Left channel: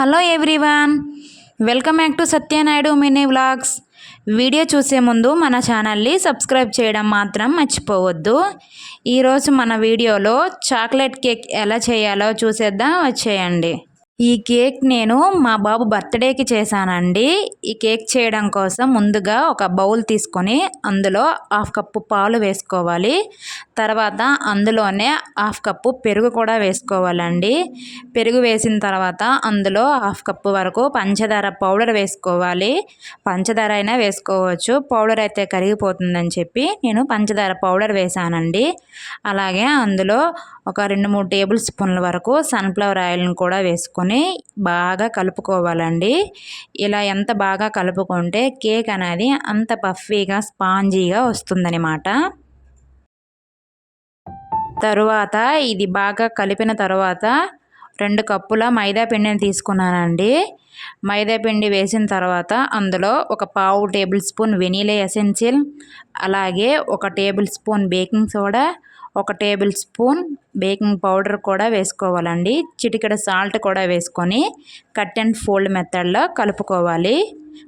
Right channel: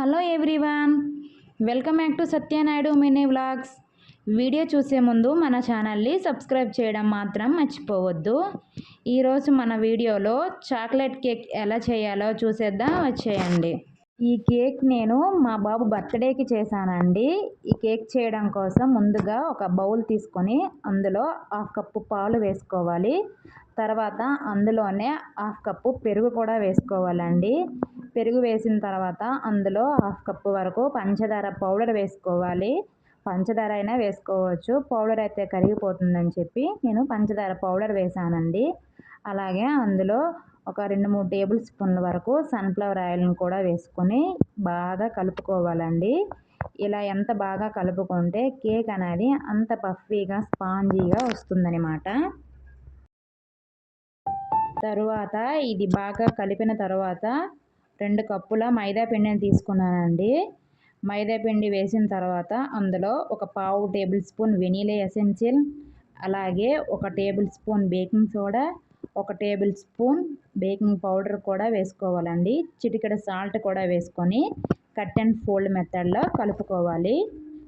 Hello everyone welcome back to Satyanaidu mini vlogs. Video చూసే ముందు మన ఛానల్ని సబ్స్క్రైబ్ చేయడం మాత్రం మర్చిపోవద్దు. ఈరోజు మన వీడియోలో చాక్లెట్ కేక్ ఎలా చేయాలో చూసేద్దాం వచ్చేయండి. ఈ కేక్ నేను మా బాబు బర్త్డేకి చేశానండి. ఈ కేక్ చేయడం కోసం ముందుగా ఒక బౌల్ తీసుకొని అందులో హాఫ్ కప్పు పాలు వేసుకోవాలి. తర్వాత అందులోనే హాఫ్ కప్పు పెరుగు కూడా వేసుకోవాలండి. పెరుగు వేసిన తర్వాత అందులో హాఫ్ కప్పు వరకు పంచదార పౌడర్ వేసుకోవాలి. పంచదార అయినా వేసుకోవచ్చు. పౌడర్ అయితే కరిగిపోతుందని చెప్పి నేను పంచదార పౌడర్ వేసానండి. అలాగే అందులో ఒక రెండు మూడు టేబుల్ స్పూన్ల వరకు సన్ఫ్లవర్ ఆయిల్ని కూడా వేసుకొని బాగా కలుపుకోవాలండి. ఇలా ఎంత బాగా కలుపుకుంటే కేక్ అనేది అంత పఫీగా స్పాంజీగా వస్తుందన్నమాట. తరువాత ఇది బాగా కలిపిన తర్వాత రెండు కప్పుల మైదా పిండిని తీసుకున్నానండి. మైదా పిండి వేసిన తర్వాత అందులో ఒక పావు టేబుల్ స్పూన్ వెనీలా ఎసెన్షియల్ అలాగే ఒక టేబుల్ స్పూన్ బేకింగ్ సోడా ఒక టేబుల్ స్పూన్ బేకింగ్ పౌడర్ కూడా వేసుకోవాలండి. చిటికెడ సాల్ట్ కూడా వేసుకొని కట్ అండ్ ఫోల్డ్ మెథడ్లో కలుపుకోవాలి.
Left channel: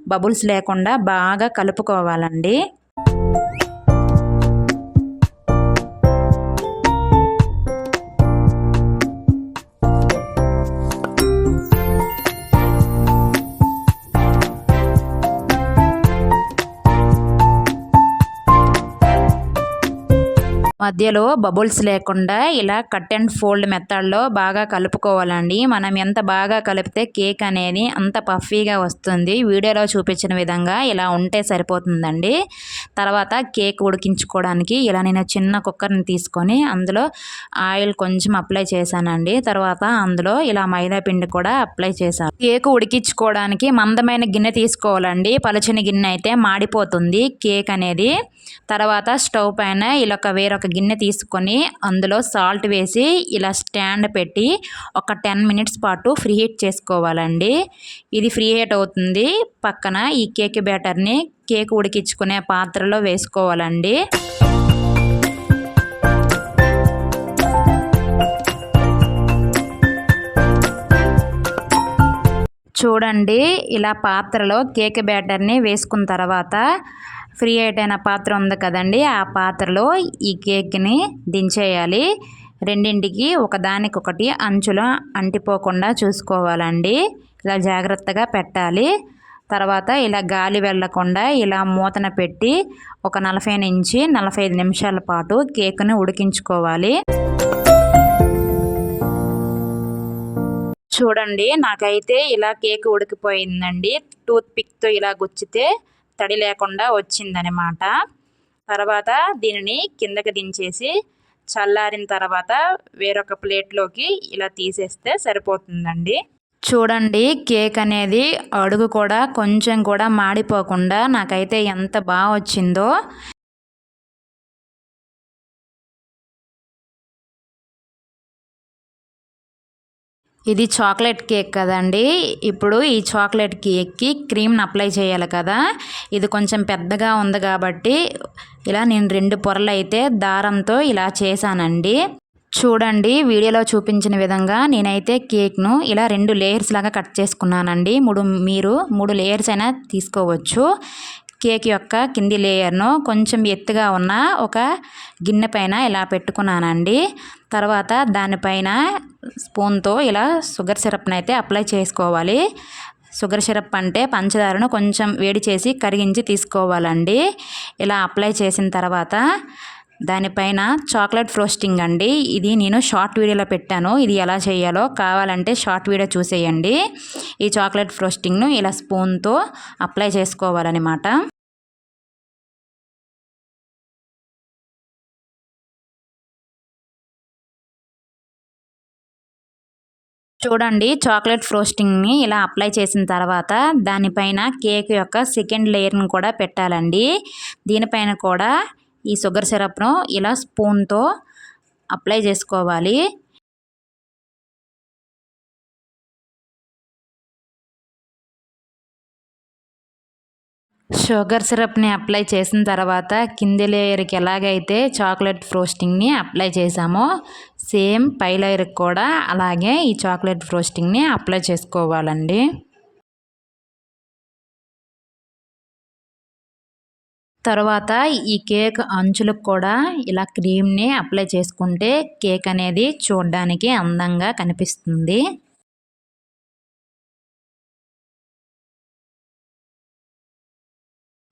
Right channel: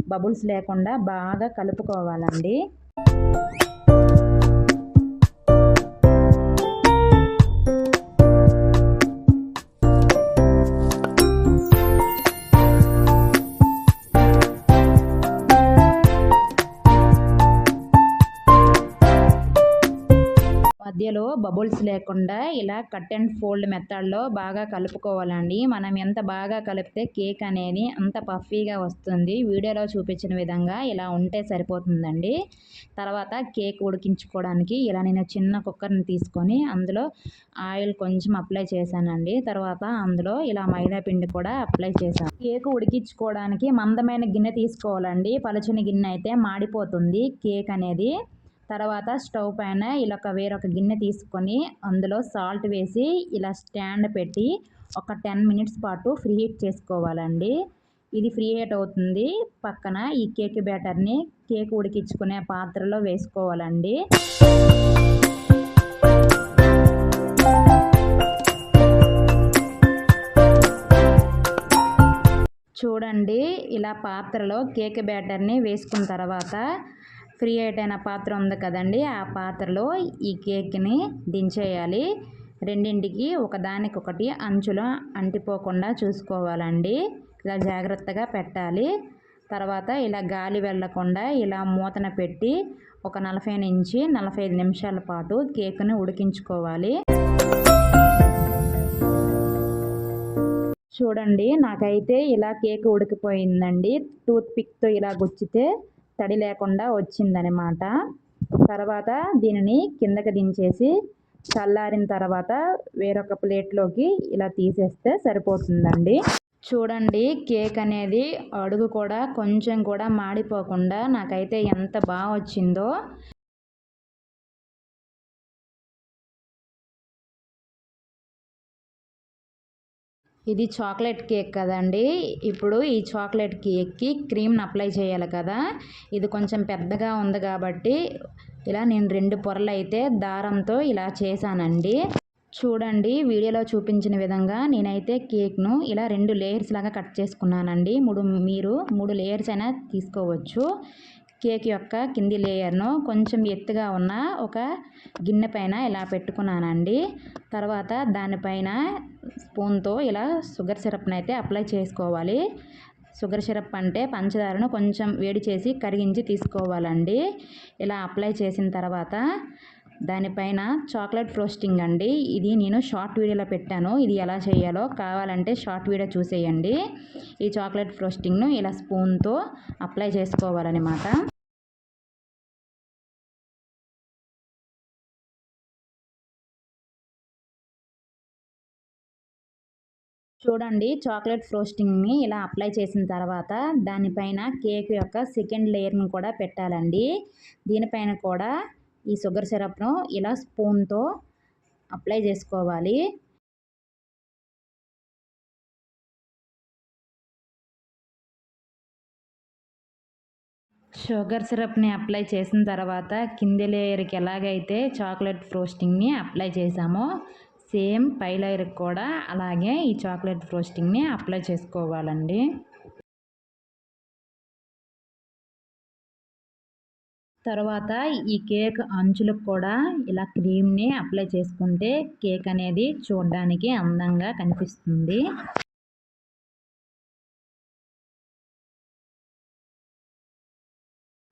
బబుల్స్ లేకుండా బాగా కలుపుకోవాలండి. మధ్యలో బబుల్స్ లేకుండా ఇలా కట్ అండ్ ఫోల్డ్ మెథడ్లో బాగా కలుపుకోవాలండి. మనం ఎంత బాగా కలిపితే కేక్ అనేది అంత పఫీగా వస్తుంది. వీడియోలో చూపించిన విధంగా ఇలా ఉంటే సరిపోతుందండి. తర్వాత కేక్ ఉడికించుకోవడానికి ఇలా నేను చిన్న కుక్కర్ని తీసుకొని అందులో ఆయిల్ కొంచెం అప్లై చేశానండి. తర్వాత అందులో ఇలా మైదా పిండి కూడా అప్లై చేశాను. కేక్ ఉడికించుకోవడానికి మందమైన గిన్నె తీసుకోవాలండి. పలుచని గిన్నె అయితే మాడిపోతుంది. కేక్ అనేది తర్వాత స్టవ్ పైన ఇలా ఒక వేరొక గిన్నె తీసుకొని అందులో సాల్ట్ వేసి ఇలా స్టాండ్ పెట్టి ఒక టెన్ మినిట్స్ పాటు ఫ్రీ హీట్ చేసుకోవాలండి. ఇది ఫ్రీ హీట్ అవుతుంది. పక్కన ఈ కేక్ బ్యాటర్ని కేక్ ఉడికించుకునే పాత్రలో వేసుకోవాలండి. చూడండి ఇలా పాత్రలో కేక్ బ్యాటర్ని వేసుకున్న తర్వాత ఫ్రీ అయిన పాత్ర ఉంది కదండి ఆ పాత్రలో ఈ కేక్ని దించేయాలి. రెండింటికి ఒకదానికొకటి అంచులో అంటిపోకుండా చూసుకోవాలండి. ఇలా జాగ్రత్తగా పెట్టాలి. తర్వాత ఇలా గాలి వెళ్ళకుండా ఇలా మూతన పెట్టి ఒక నలభై నుంచి నలభై ఐదు నిమిషాల పాటు కేక్ను ఉడికించుకోవాలి. చూడండి నాకైతే ఇలా కేక్ ఉడికిపోయిందండి. టూత్ పిక్తో ఇలా గుచ్చితే తడి లేకుండా వచ్చిందనమాట తర్వాత దీనిని కిందకి దించేసి చల్లారిన తర్వాత వేరొక ప్లేట్లోకి ఇలా తీసేస్తే సరిపోతుందండి. చూడండి కేక్ అనేది అడుగు కూడా కొంచెం కూడా మాడిపోకుండా నాకైతే ఎంత బాగా వచ్చిందో. ఇది చాక్లెట్ కేక్ కదండి. ఇప్పుడు ఈ చాక్లెట్ కేక్కి క్రీమ్ని అప్లై చేయాలి కదా. ఇది కొంచెం పెద్దగా ఉంది కాబట్టి ఇలా నేను రెండు పొరలు అయితే దారంతో ఇలా చేశానండి. చూడండి వీడియోలో చూపించిన విధంగా నేనైతే కేక్ను ఇలా రెండు లేయర్స్ లాగా కట్ చేసుకున్నానండి. మూడు మీరు మూడు లేయర్స్ అయినా తీసుకోవచ్చు. కేక్ యొక్క కింది లేయర్ను కొంచెం ఎత్తుగా ఉన్న ఒక గిన్నె పైన ఇలా పెట్టుకున్నానండి. తర్వాత దానిపైన స్పూన్తో ఇలా షుగర్ సిరప్ని అయితే అప్లై చేసుకోవాలి. షుగర్ సిరప్ అంటే పంచదారను కొంచెం వేడి చేసి కరిగించి తీసుకోవాలండి. ఇలా అప్లై చేసిన తర్వాత దానిపైన చాక్లెట్ ఫ్రోస్టింగ్ అండి. ఇది నేను షార్ట్ వీడియోలో పెట్టాను. ఇది ఎలా చేయాలో కావాలంటే షార్ట్ వీడియో చూసేయండి. ఈ చాక్లెట్ ఫ్రోస్టింగ్ను ఇలా స్పూన్తో అప్లై చేసుకోవాలన్నమాట. చూడండి చాక్లెట్ ఫ్రోస్టింగ్ని ఇలా అప్లై చేసిన తర్వాత దానిపైన కేక్ యొక్క సెకండ్ లేయర్ని కూడా పెట్టాలండి. దీనిపైన కూడా ఈ షుగర్ సిరప్ను ఇలా స్పూన్తో అప్లై చేసుకోవాలి. షుగర్ సిరప్ని అప్లై చేసిన తర్వాత కింది లేయర్కి ఎలాగైతే చాక్లెట్ ఫ్రోస్టింగ్ని అప్లై చేసామో సేమ్ పై లేయర్కి కూడా అలాగే ఈ చాక్లెట్ ఫ్రోస్టింగ్ని అప్లై చేసుకోవాలండి. తర్వాత ఈ కేక్ అంచులకు కూడా ఇలా క్రీమ్ని అప్లై చేసుకుంటే కేక్ అనేది చూడడానికి అందంగా కనిపిస్తుంది.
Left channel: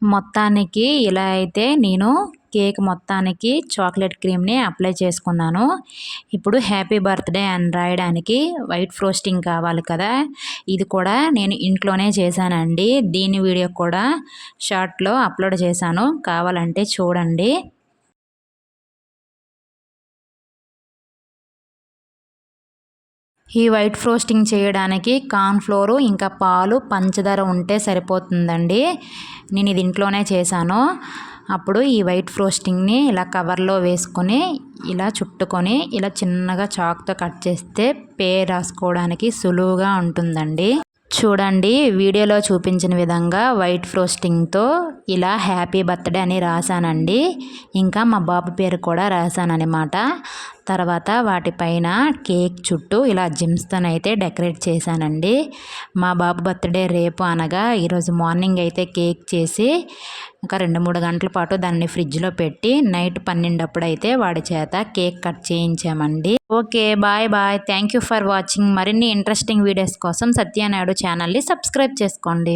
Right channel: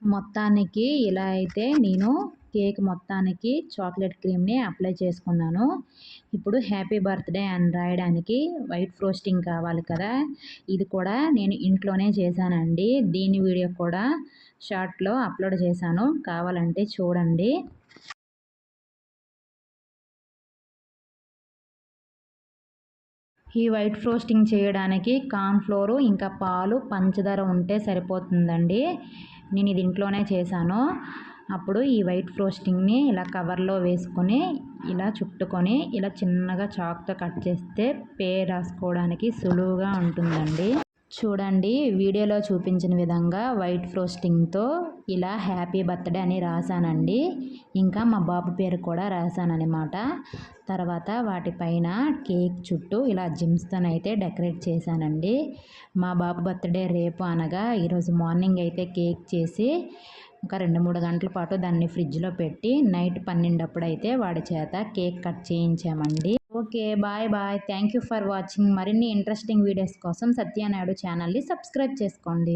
మొత్తానికి ఇలా అయితే నేను కేక్ మొత్తానికి చాక్లెట్ క్రీమ్ని అప్లై చేసుకున్నాను. ఇప్పుడు హ్యాపీ బర్త్డే అని రాయడానికి వైట్ ఫ్రోస్టింగ్ కావాలి కదా. ఇది కూడా నేను ఇంట్లోనే చేశానండి. దీని వీడియో కూడా షార్ట్లో అప్లోడ్ చేశాను. కావాలంటే చూడండి. ఈ వైట్ ఫ్రోస్టింగ్ చేయడానికి కార్న్ఫ్లోరు ఇంకా పాలు పంచదార ఉంటే సరిపోతుందండి. నేను ఇది ఇంట్లోనే చేశాను. అప్పుడు ఈ వైట్ ఫ్రోస్టింగ్ని ఇలా కవర్లో వేసుకొని ఇలా చుట్టుకొని ఇలా చిన్నగా చాక్తో కట్ చేస్తే పేరు రాసుకోవడానికి సులువుగా ఉంటుందండి. చూడండి వీడియోలో చూపించిన విధంగా వైట్ ఫ్రోస్టింగ్తో ఇలా హ్యాపీ బర్త్డే అని రాశానండి. ఇంకా మా బాబు పేరు కూడా రాశానమాట తర్వాత వాటిపైన కేక్ చుట్టూ ఇలా జిమ్స్తోనైతే డెకరేట్ చేశానండి. మా బాబు బర్త్డే రేపు అనగా ఈరోజు మార్నింగ్ అయితే కేక్ చేసి ఒక రెండు మూడు గంటల పాటు దాన్ని ఫ్రిడ్జ్లో పెట్టి నైట్ పన్నెండప్పుడు అయితే వాడి చేత cake cut చేయించామండి. Okay bye bye. Thank you for watching. మరిన్ని ఇంట్రెస్టింగ్ వీడియోస్ కోసం సత్యనాయుడు ఛానల్ని సబ్స్క్రైబ్ చేసుకోండి.